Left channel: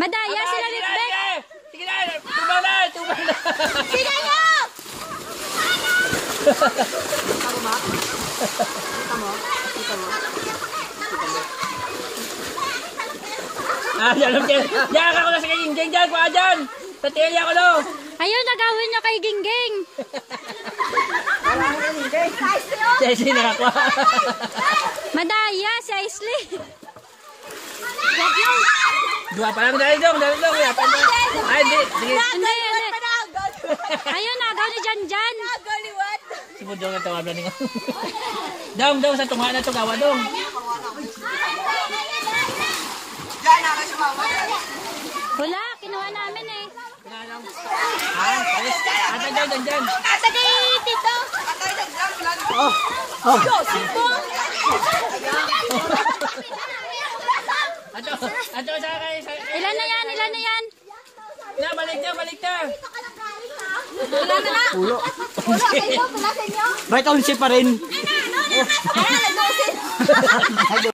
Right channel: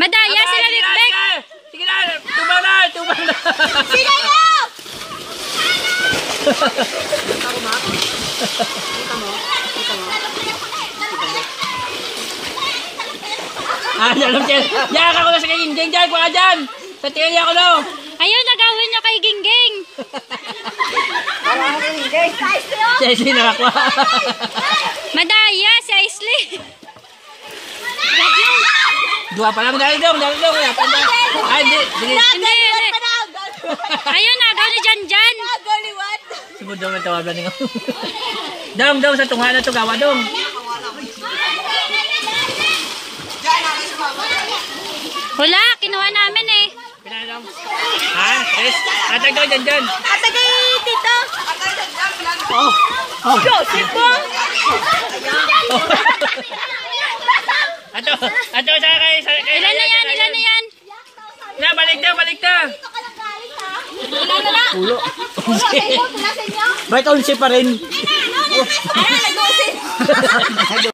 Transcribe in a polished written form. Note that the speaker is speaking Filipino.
Madaya sila Big. Sige na, tumaw na. Sila na! Yan ako na sa Gingging dyan. Kuha dyan. Sa tilya ko no. Ayun, nagawin niya kay Gingging. Si Aisley nakakuha. Madaya, si Aisley. Dua pa lang dahil dong. Ay, hindi. Hindi. Ayun, nagaw ni Janjan. Siguro dong ang tawag lang. Dong, sa tungha na ito. Gawa dong. Wala, kinuha namin eh. Pinadong. Ha? Yes. Atag daw dyan. Atagay, tito. Ato sa kay. Ilan na yan? Na, balik na. Pulo. Bakit ulit pa rin?